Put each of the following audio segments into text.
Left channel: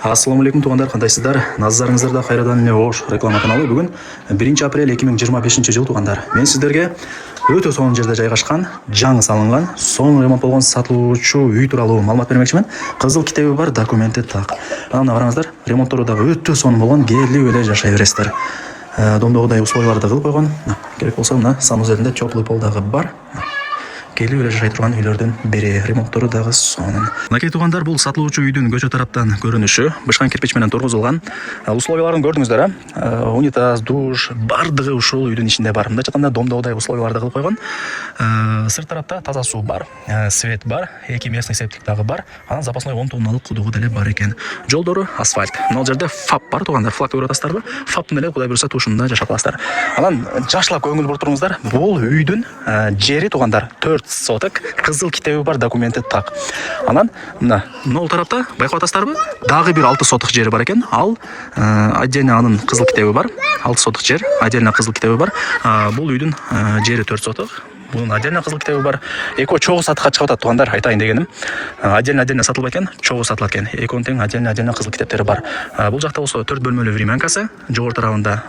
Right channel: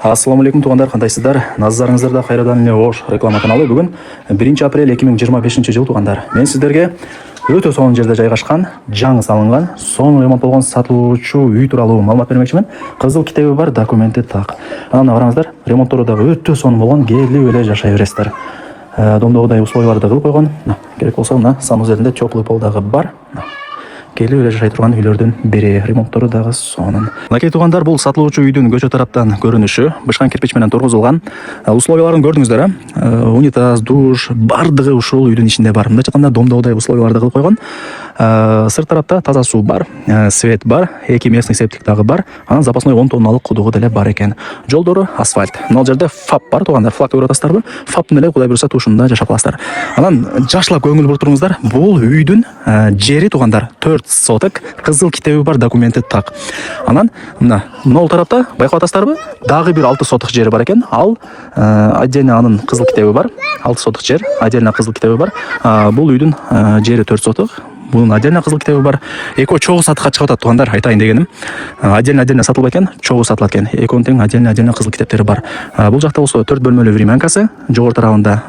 Ассаламу алейкум туғандар, қандайсыздар? Назарыңыздарда қайрадан эле Ош реклама каналы. Бүгін 1 апрель 2025 жыл туғандар. Мен сіздерге өтө сонун жерде жайгашкан, жаңы салынган, сонун ремонт болгон сатылуучу үй тууралуу маалымат бермекчимин. Кызыл китеби бар, документи так. Анан караңыздар, ремонттору дагы өтө сонун болгон, келип эле жашай бересиздер. Домдогудай условияларды кылып койгон. Керек болсо мына санузелинде теплый пол дагы бар. Келип эле жашай турган үйлөрдүн бири, ремонттору дагы сонун. Мынакей тугандар, бул сатылуучу үйдүн көчө тараптан көрүнүшү, бышкан кирпич менен тургузулган. Условияларын көрдүңүздөр, унитаз, душ, бардыгы ушул үйдүн ичинде бар. Мындай айтканда домдогудай условияларды кылып койгон. Сырт тарапта таза суу бар, свет бар, эки местный септик дагы бар. Анан запасной 10 тонналык кудугу деле бар экен. Жолдору асфальт. Мына жерде ФАП бар тугандар, флаг көрүп атасыздарбы? ФАПтын эле кудай буюрса тушунда жашап каласыздар. Анан жакшылап көңүл буртуруңуздар. Бул үйдүн жери тугандар 4 соток, кызыл китеби бар, документи так. Анан мына могул тарапта байкап атасыздарбы? Дагы бир 6 соток жери бар экен. Ал отдельно анын кызыл китеби бар. 6 соток жер, отдельно кызыл китеби бар. Бул үйдүн жери 4 соток. Bunun отдельно кызыл китеби бар. Экөө чогуу сатыкка чыгып атат тугандар, айтайын дегеним. Отдельно сатылбай экен, чогуу сатылат экен. Экөөнүн тең отдельно кызыл китептери бар. Бул жакта болсо 4 бөлмөлүү времянкасы, жогору тарабында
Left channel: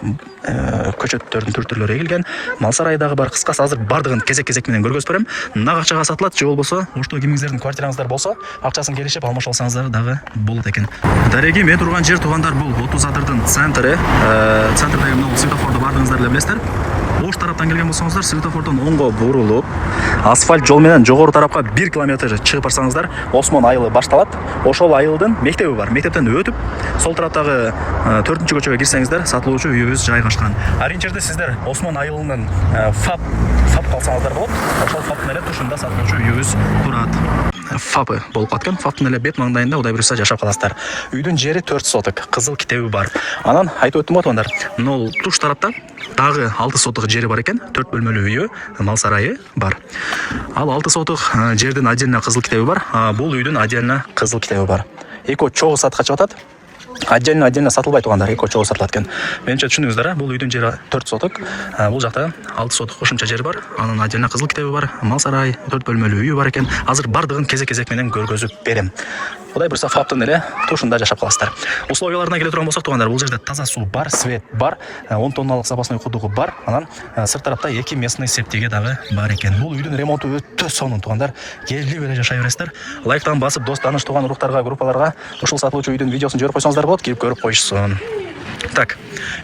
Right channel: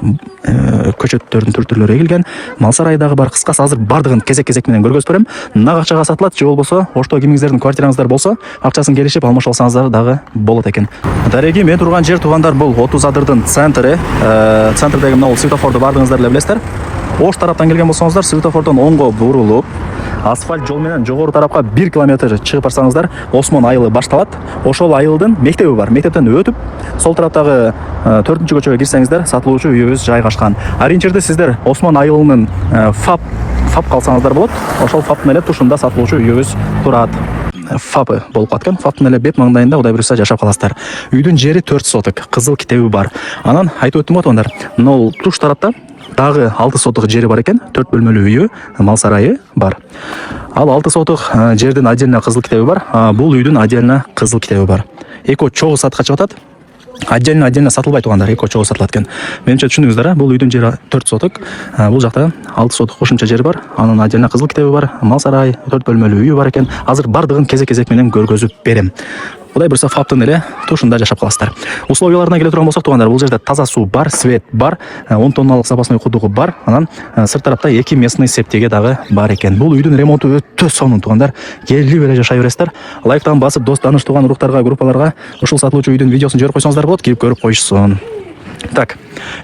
көчөттөрдүн түр-түрлөрү эгилген, мал сарайы дагы бар. Кыскасы азыр бардыгын кезек менен көргөзүп берем. Нак акчага сатылат, же болбосо Ошто кимиңиздердин квартираңыздар болсо, акчасын келишип алмаш алсаңыздар дагы болот экен. Дареги, мен турган жер тугандар, бул 30 адырдын центри. Центрдеги мына светофорду бардыгыңыздар эле билесиздер. Ош тараптан келген болсоңуздар, светофордон оңго бурулуп, асфальт жол менен жогору тарапка 1 километр чыгып барсаңыздар, Осмон айылы башталат. Ошол айылдын мектеби бар. Мектептен өтүп, сол тараптагы 4-көчөгө кирсеңиздер, сатылуучу үйүбүз жайгашкан. Аринчерде сиздер Осмон айылынын ФАП калсаңыздар болот. Ошол ФАПтын эле тушунда сатылуучу үйүбүз турат. ФАПы болуп аткан, ФАПтын эле бет маңдайында кудай буюрса жашап каласыздар. Үйдүн жери 4 соток, кызыл китеби бар. Анан айтып өттүм тугандар, нол туш тарапта дагы 6 соток жери бар экен, 4 бөлмөлүү үйү, мал сарайы бар. Ал 6 соток жердин отдельно кызыл китеби бар, бул үйдүн отдельно кызыл китеби бар. Экөө чогуу сатыкка чыгып атат. Отдельно сатылбай тугандар, экөө чогуу сатылат экен. Менимче түшүндүңүздөр, бул үйдүн жери 4 соток, бул жакта 6 соток кошумча жери бар. Анын отдельно кызыл китеби бар, мал сарай, 4 бөлмөлүү үйү бар экен. Азыр бардыгын кезек менен көргөзүп берем. Кудай буюрса ФАПтын эле тушунда жашап каласыздар. Условияларына келе турган болсок тугандар, бул жерде таза суу бар, свет бар, 10 тонналык запасной кудугу бар. Анан сырт тарапта 2 местный септиги дагы бар экен. Бул үйдүн ремонту өтө сонун тугандар. Келип эле жашай бересиздер. Лайктан басып, дос таныш туган уруктарга, группаларга ушул сатылуучу үйдүн видеосун жиберип койсоңуздар болот, кирип көрүп коюшсун. Так,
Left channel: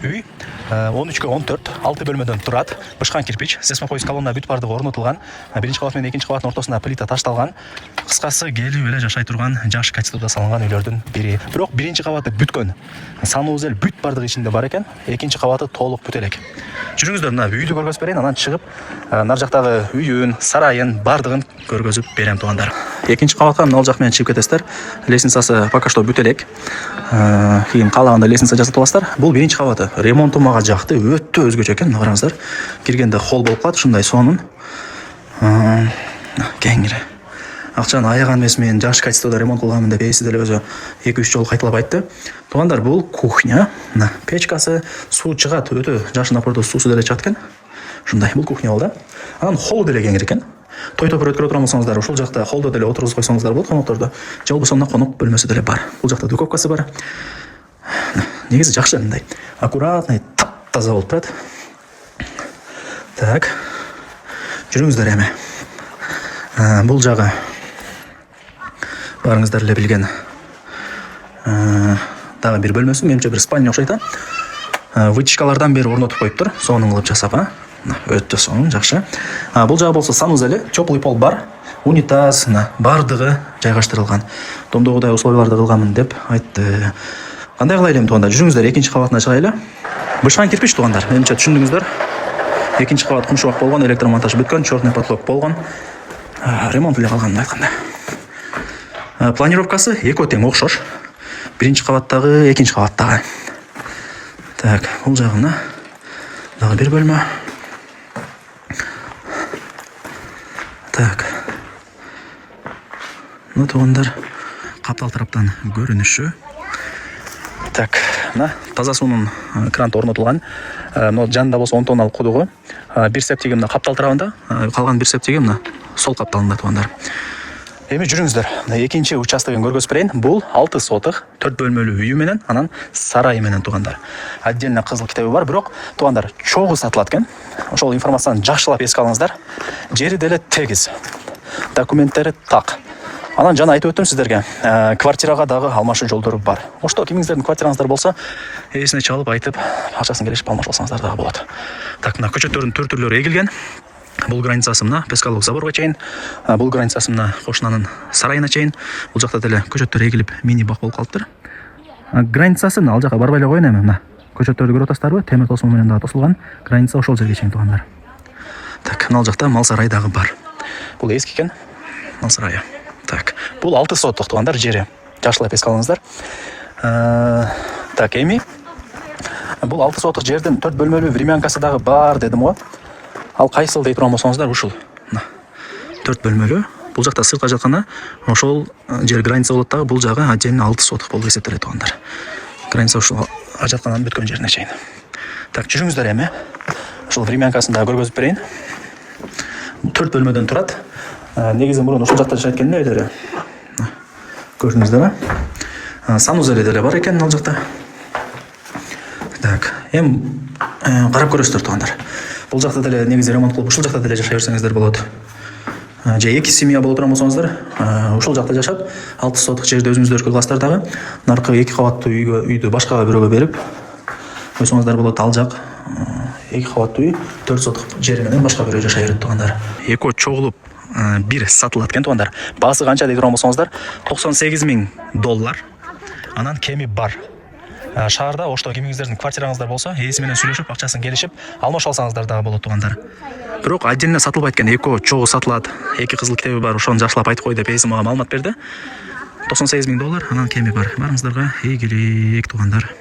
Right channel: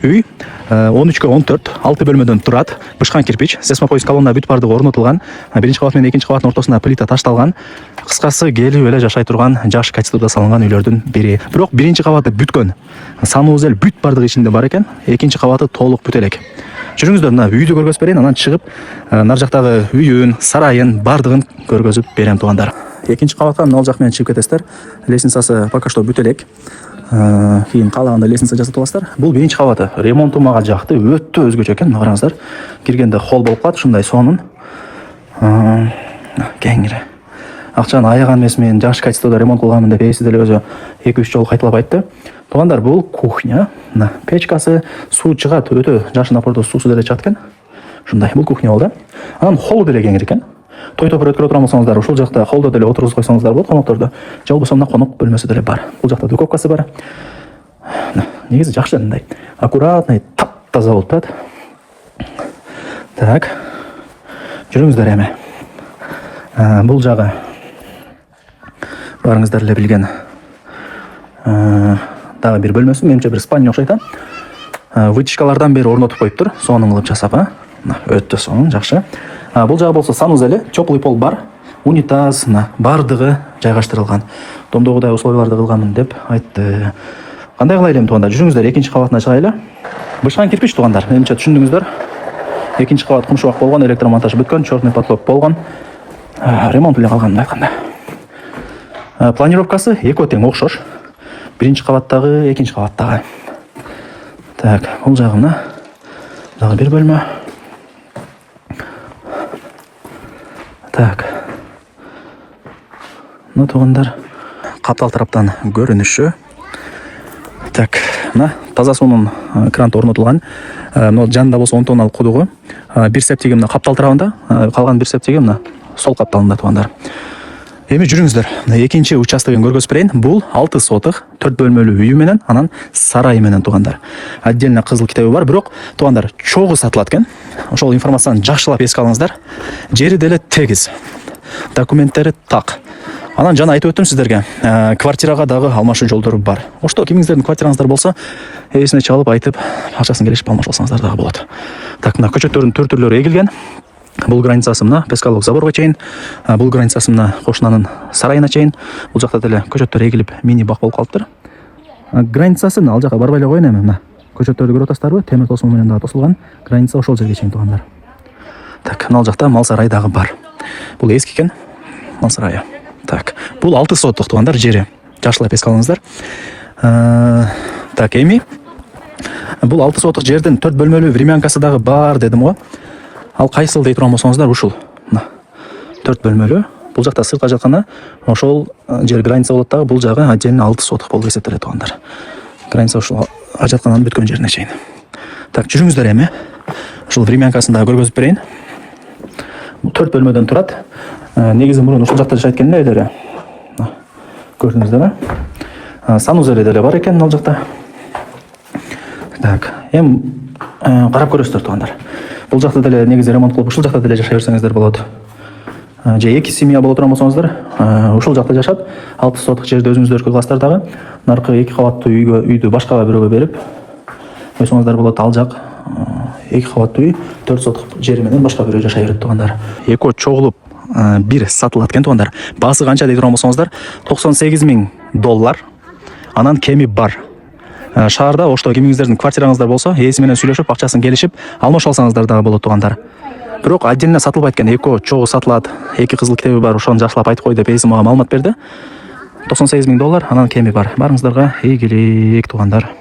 үй 13/14, 6 бөлмөдөн турат. Бышкан кирпич, сесмопоиз колонна бүт бардыгы орнотулган. Биринчи кабат менен экинчи кабаттын ортосуна плита ташталган. Кыскасы келип эле жашай турган, жаш качествода салынган үйлөрдүн бири. Бирок биринчи кабаты бүткөн. Санузел бүт бардыгы ичинде бар экен. Экинчи кабаты толук бүт элек. Жүрүңүздөр, мына үйдү көргөзүп берейин, анан чыгып, мына жактагы үйүн, сарайын бардыгын көргөзүп берем тугандар. Экинчи кабатка мына жак менен чыгып кетесиздер. Лестницасы пока что бүт элек. Кийин каалаганда лестница жасатып аласыздар. Бул биринчи кабаты. Ремонту мага жакты, өтө өзгөчө экен. Караңыздар. Киргенде холл болуп калат, ушундай сонун. Кеңири. Акчаны аяган эмес, мен жаш качествода ремонт кылганмын деп эси деле өзү 2-3 жолу кайталап айтты. Тугандар, бул кухня. Мына печкасы, суу чыгат, өтө жакшы напордо суусу деле чыгат экен. Ушундай, бул кухня болду. Анан холл деле кеңири экен. Той топур өткөрө турган болсоңуздар, ушул жакта холлдо деле отургузуп койсоңуздар болот, конокторду. Же болбосо мына конок бөлмөсү деле бар. Бул жакта духовкасы бар. Негизи жакшы, мындай аккуратный, таптаза болуп турат. Так. Жүрүңүздөр эми. Бул жагы барыңыздар эле билген дагы бир бөлмөсү, менимче бир спальня окшойт. Вытяжкалардан бери орнотуп коюптур, сонун кылып жасап, өтө сонун, жакшы. Бул жагы болсо санузели, теплый пол бар, унитаз, бардыгы жайгаштырылган. Домдогудай условияларды кылганмын деп айтты. Кандай кылайлы эми тугандар, жүрүңүздөр, экинчи кабатына чыгайлы. Бышкан кирпич тугандар, менимче түшүндүңүздөр. Экинчи кабат кумшубак болгон, электромонтаж бүткөн, черный потолок болгон. Ремонт эле калган айтканда. Планировкасы экөө тең окшош. Биринчи кабаттагы, экинчи кабаттагы. Так, бул жагына дагы бир бөлмө. Так. Мына тугандар, каптал тараптан көрүнүшү. Так, мына таза суунун кранты орнотулган. Мына жанында болсо 10 тонналык кудугу. Бир септиги мына каптал тарабында, калган бир септиги мына сол капталында тугандар. Эми жүрүңүздөр. Экинчи участогын көргөзүп берейин. Бул 6 сотых 4 бөлмөлүү үйү менен, анан сарайы менен туугандар. Отдельно кызыл китеби бар, бирок туугандар чогуу сатылат экен. Ошол информацияны жакшылап эске алыңыздар. Жери деле тегиз. Документтери так. Анан жана айтып өттүм сиздерге, квартирага дагы алмашуу жолдору бар. Ошто кимиңиздердин квартираңыздар болсо, эсине чалып айтып, акчасын келишип алмашып алсаңыздар дагы болот. Так, мына көчөттөрдүн түрлөрү эгилген. Бул границасы мына Пескалдык заборго чейин, бул границасы мына кошунанын сарайына чейин. Бул жакта деле көчөттөр эгилип, мини бак болуп калыптыр. Границасы мына ал жака барбай эле коеюн эми. Мына көчөттөрдү көрүп атасыздарбы? Темир тосуу менен дагы тосулган. Граница ошол жерге чейин туугандар. Так, мына жакта мал сарайы дагы бар. Бул эски экен, мал сарайы. Так, бул 6 сотук туугандар жери. Жакшылап эске алыңыздар. Так, эми бул 6 сотук жердин 4 бөлмөлүү времянкасы дагы бар дедим го. Ал кайсыл дей турган болсоңуздар, ушул. Мына 4 бөлмөлүү. Бул жакта сыртка жатканда ошол жер граница болот дагы, бул жагы отдельно 6 сотук болуп эсептелет туугандар. Граница ушул жаткандан бүткөн жерине чейин. Так, жүрүңүздөр эми. Ушул времянкасын дагы көргөзүп берейин. 4 бөлмөдөн турат. Негизи мурун ушул жакта жашайт экен үйлөрү. Көрдүңүздөр, санузели деле бар экен ал жакта. Так, эми карап көрөсүздөр туугандар. Бул жакта деле негизи ремонт кылып, ушул жакта деле жашай берсеңиздер болот. Же эки семья боло турган болсоңуздар, ушул жакта жашап, 6 сотук жерди өзүңүздөркү кыласыздар дагы. Наркы 2 кабаттуу үйдү башка бирөөгө берип койсоңуздар болот. Ал жак 2 кабаттуу үй 4 сотук жери менен башка бирөө жашай берет туугандар. Экөө чогулуп бир сатылат экен туугандар. Баасы канча дей турган болсоңуздар, $98,000. Анан кеми бар. Шаарда ошто кимиңиздердин квартираңыздар болсо, ээси менен сүйлөшүп, акчасын келишип алмашып алсаңыздар дагы болот туугандар. Бирок отдельно сатылбайт экен, экөө чогуу сатылат. 2 кызыл китеби бар, ошону жакшылап айтып кой деп ээси мага маалымат берди. $98,000, анан кеми бар. Барыңыздарга ийгилик туугандар.